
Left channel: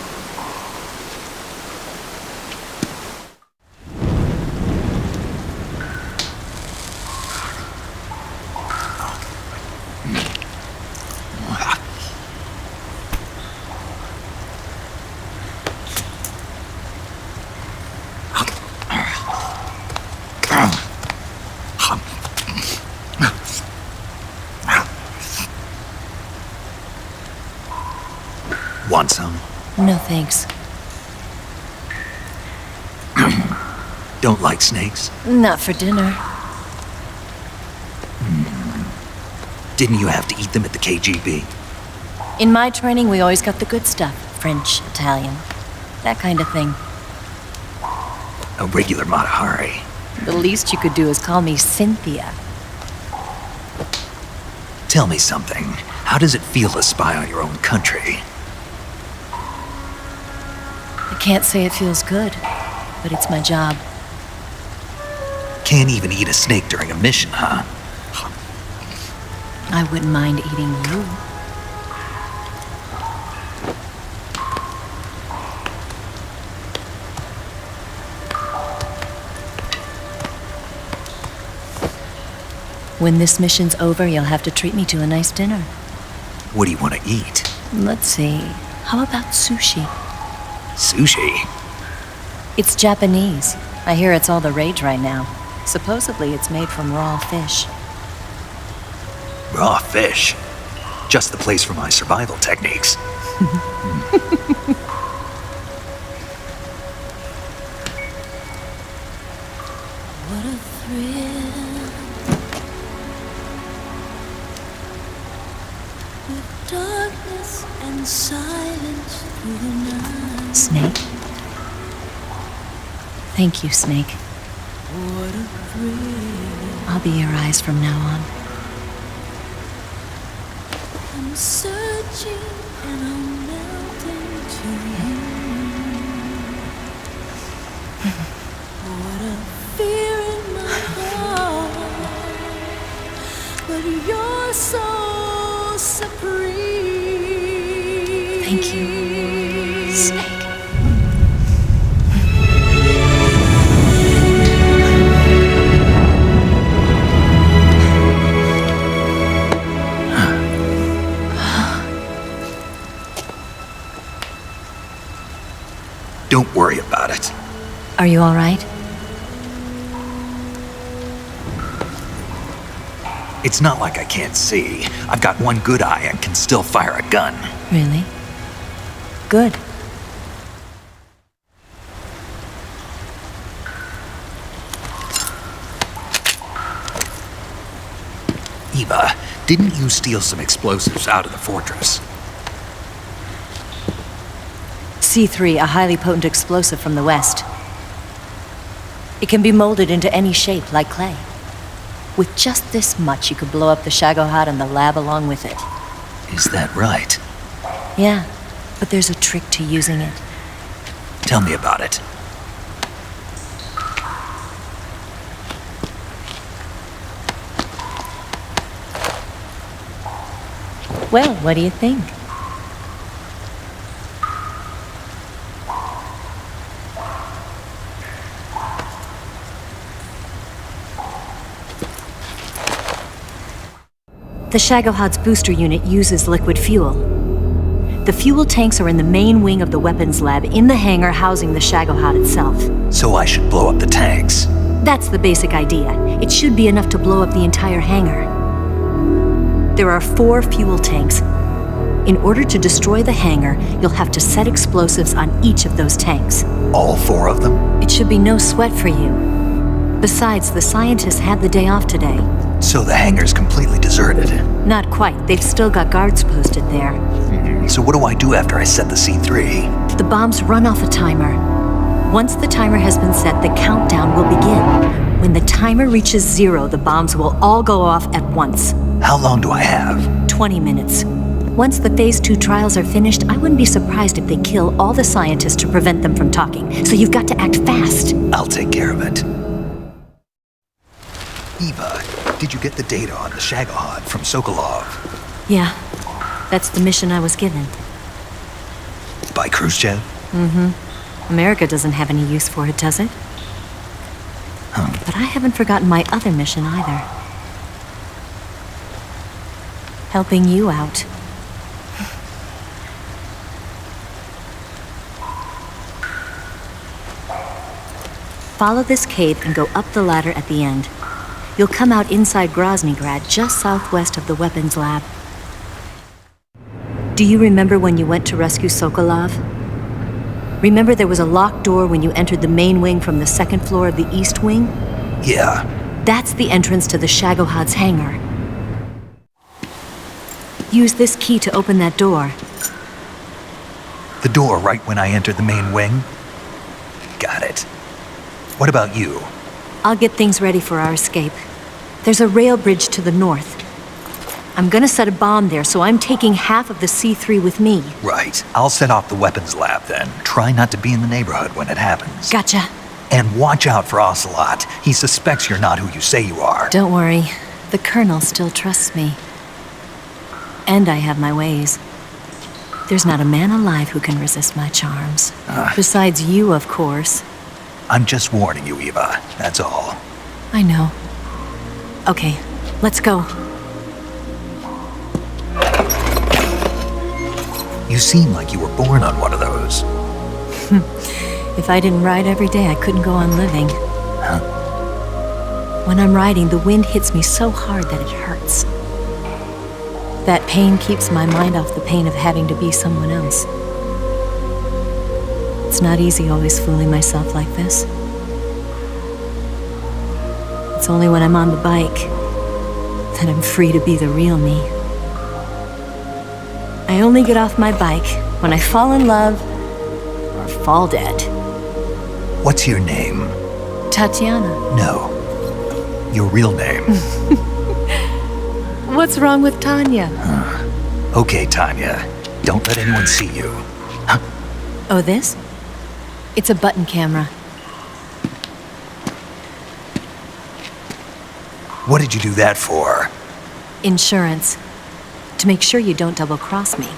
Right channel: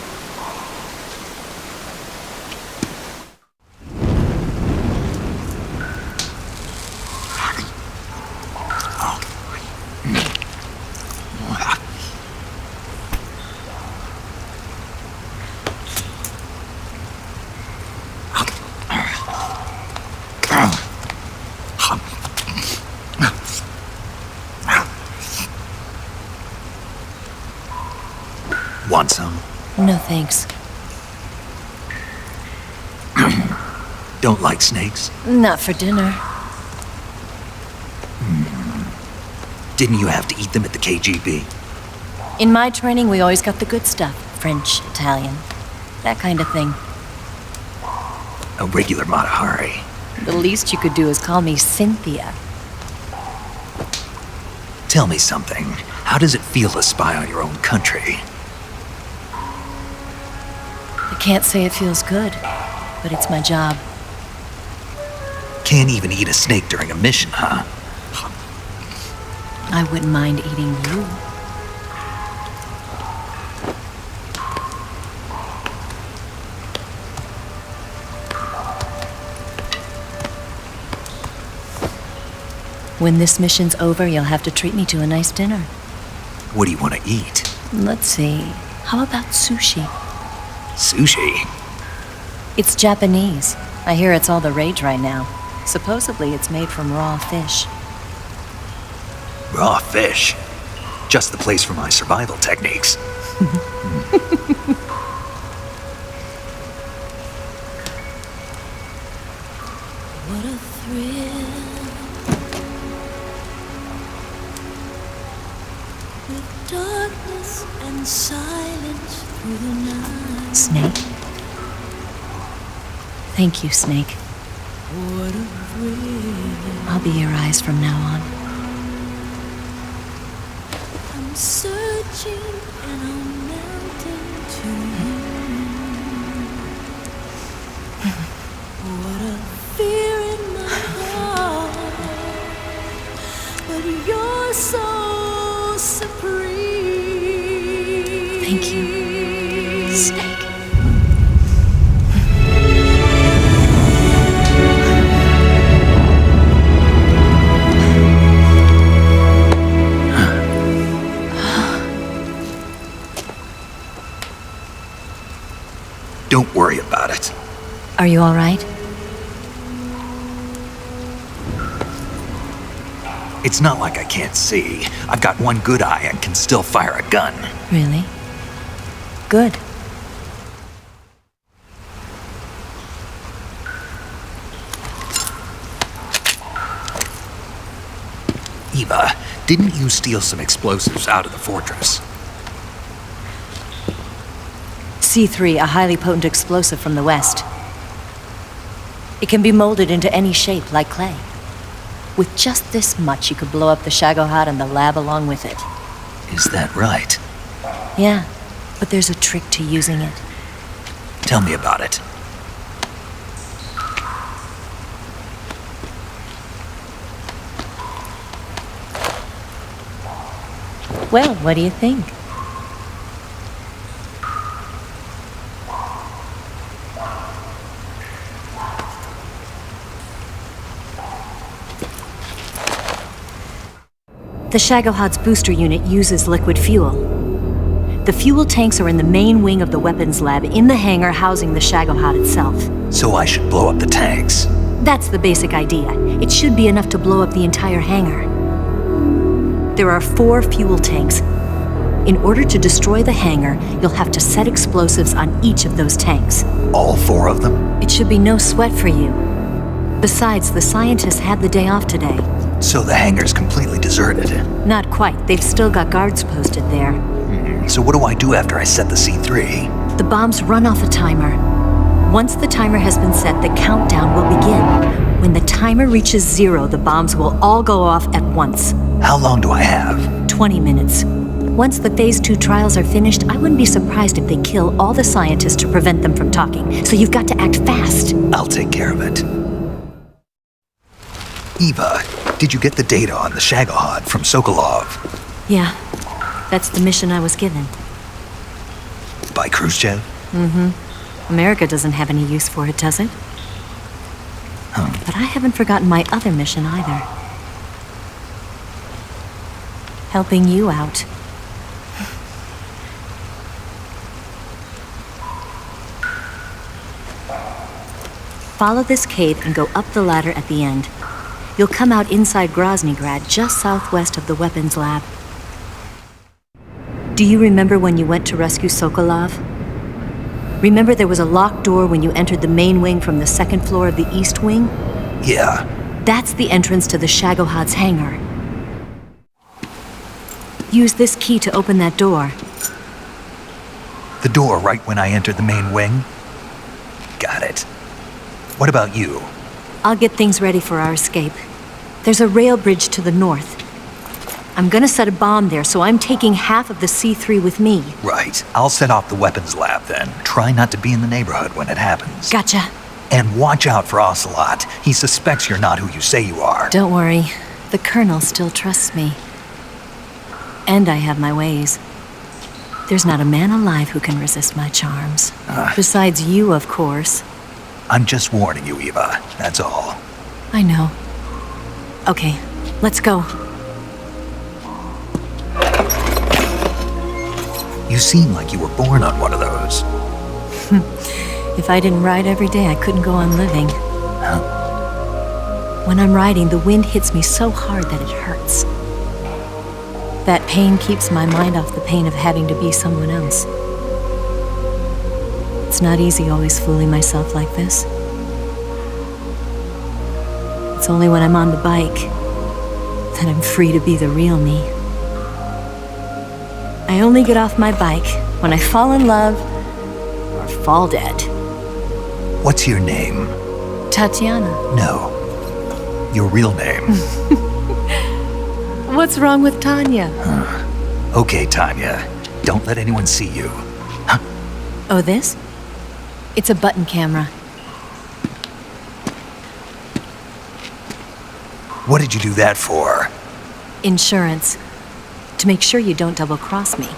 Want some? No thanks. Don't like snakes? Not for dinner. Didn't you have to eat them at the KGB? In my training, we always got the good stuff. French, Italian, that kind of thing. A regular Matahari. The least you could do is call me Cynthia. Tell me something. How does it feel to spy on your own country? I can't say it feels good, but it's my job. Can't even eat a snake during a mission, huh? I wouldn't mind eating you. When this mission's over, you'll have to treat me to a nice dinner. What do you want to eat? Let's see. How about sushi? Sushi? It's Japanese. I hear it's all the rage right now. Supposedly it's made from raw fish. Raw fish? Just the place for my survival techniques. What a thrill. With darkness and silence through the night. Snake? Thank you, Snake. What a thrill. I'll be your eyes from now on. I'm searching and I'm melting to you. What a fear in my heart. But you're so supreme. Thank you, Snake. Don't worry about it. Are you all right? It's not like I can't see. I've got one good eye and can still fire a gun. Really? Good. Eva, didn't you steal some explosives out of the fortress? C3, a highly potent explosive from the west. It can be molded into any shape, like clay. With just this much, you could blow up the Shagohod and the lab along with it. Is that right? Yeah, but there's a trick to using it. Tell me about it. Well, what do you think? The Shagohod's booster unit uses liquid fuel. The fuel tanks are in the main wing of the weapons lab in the hangar housing the Shagohod itself. So I should blow up the tanks. That's the basic idea. It should be enough to blow up the entire hangar. There are 4 fuel tanks. In order to destroy the hangar, you'll have to set explosives on each of those tanks. All 4 of them? It should be no sweat for you. Besides, the scientists had the day off today. So the hangar's completely deserted. Not quite. They've still got guards posted there. So what do I do after I set the C3? The bombs run off a timer. Once the timer has been set, the countdown will begin. When the timer reaches 0, the bombs will all go off at once. How long do I have? 20 minutes. Once the Phase 2 trials are finished, I wouldn't be surprised if they kill all the scientists to prevent them from talking. So you've got to act fast. I'll take care of it. Eva, did you get the data on the Shagohod from Sokolov? Yeah, that's the mission I was given. By Khrushchev? Mm-hmm. America doesn't have any use for it, does it? But I haven't forgotten my other mission either. Helping you out. Follow this cave and go up the ladder at the end. You'll come out inside Groznygrad, just southwest of the weapons lab. Do you remember when you went to rescue Sokolov? Remember there was a locked door when you entered the main wing from the second floor of the east wing? Yeah. That's the entrance to the Shagohod's hangar. Use this key to open that door. The door right when I entered the main wing? Got it. What about you? I'll get things ready for our escape. There's a rail bridge to the north. I'm gonna set a bomb there, so I'm taking half of the C3 with me. Right. I'll set off the weapons lab then. Try not to be in the neighborhood when it happens. Gotcha. And watch out for Ocelot. He suspects you're not who you say you are. Don't worry. The Colonel still trusts me. And I have my ways. There's not a man alive who can resist my charms. Besides you, of course. I'm just warning you, Eva. That's all. I know. Okay, let's go. You seem like you were born on one of those. If I didn't ride every day, I couldn't go on living. Huh? When I'm riding, the wind hits me so hard that it hurts. That pain keeps my mind off the pain of having to be someone else. It's not easy always fooling myself like this. It's only when I'm on the bike that I'm free to be the real me. I only get off my bike when I fall in love or fall dead. What's your name? Tatiana. No. Your real name. What's wrong with Tanya? Okay, Tanya. Don't let anyone see you. Huh? Oh, this? It's a button camera. What did you do that for? Insurance. To make sure you don't double-cross me.